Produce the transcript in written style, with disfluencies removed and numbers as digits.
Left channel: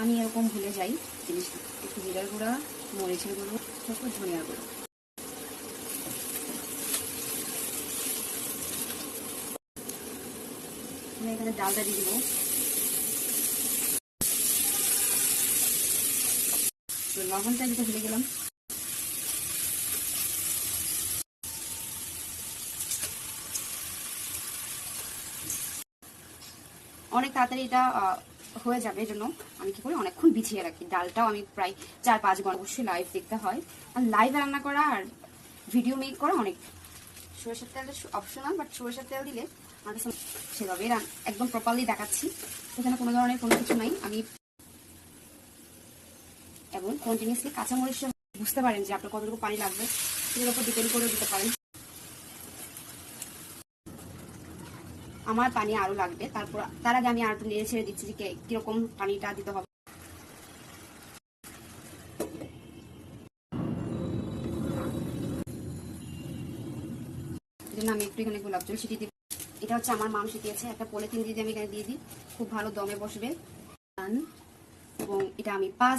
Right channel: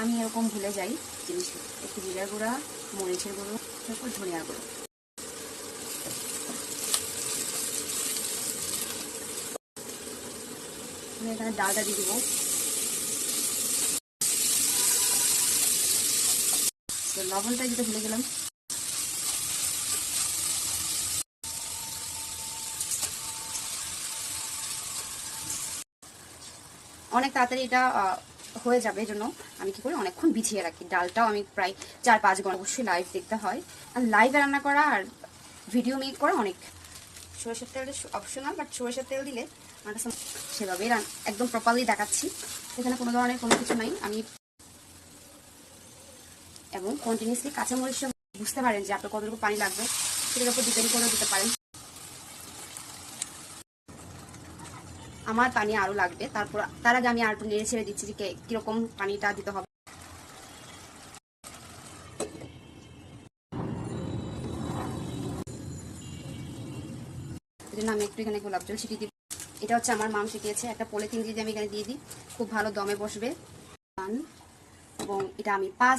আমি এরকম ভুলে যাই জিনিসটা। একটু জিরার গুঁড়া, মরিচের গুঁড়ো, তারপর ধনিয়ার গুঁড়ো। আমি এখানে ডালটা দিয়ে দিব। তো লবণটা যেটা ভুলে গেলাম। অনেক তাড়াতাড়ি এটা হয়ে যাবে, এই জন্য আমি কি করি অনেকক্ষণ বিছিয়ে রাখি। ডালটাও আমি প্রায় 4-5 ঘন্টা, অবশ্যই লাইভ দেখতে হয়। আর লাইভে রান্না করা আর ভিডিও মেক করা অনেক। সরষের তেলটা অপশনাল, বাট সরষের তেল দিলে আমার কাছে সেভাবেই একদম প্রপারলি দেখাচ্ছি, এখানে কোনো ধরনের কোনো কিছু নাই। আমি এবং কন্টিনিউসলি কাঁচামরিচ বুঝতে পারেন যে আপনার কতটুকু পানি লাগবে, সেটার উপর ডিপেন্ড করে দিতে পারেন। আমার পানি আরও লাগবে, তারপর তার আগে আমি আর একটু নেড়ে ছেড়ে দিচ্ছি যে কীরকম পানিটা দিতে হবে। এই জন্য আমি একটু এখানে গোলাপ জল ছিটিয়ে দিই। এটা হচ্ছে আমার মাম শিখিয়েছে, একটা পলিথিন দিয়ে আমি এখানে দিয়ে দিই, খুব ভালো দমে বসবে। এবং এটা আমি 5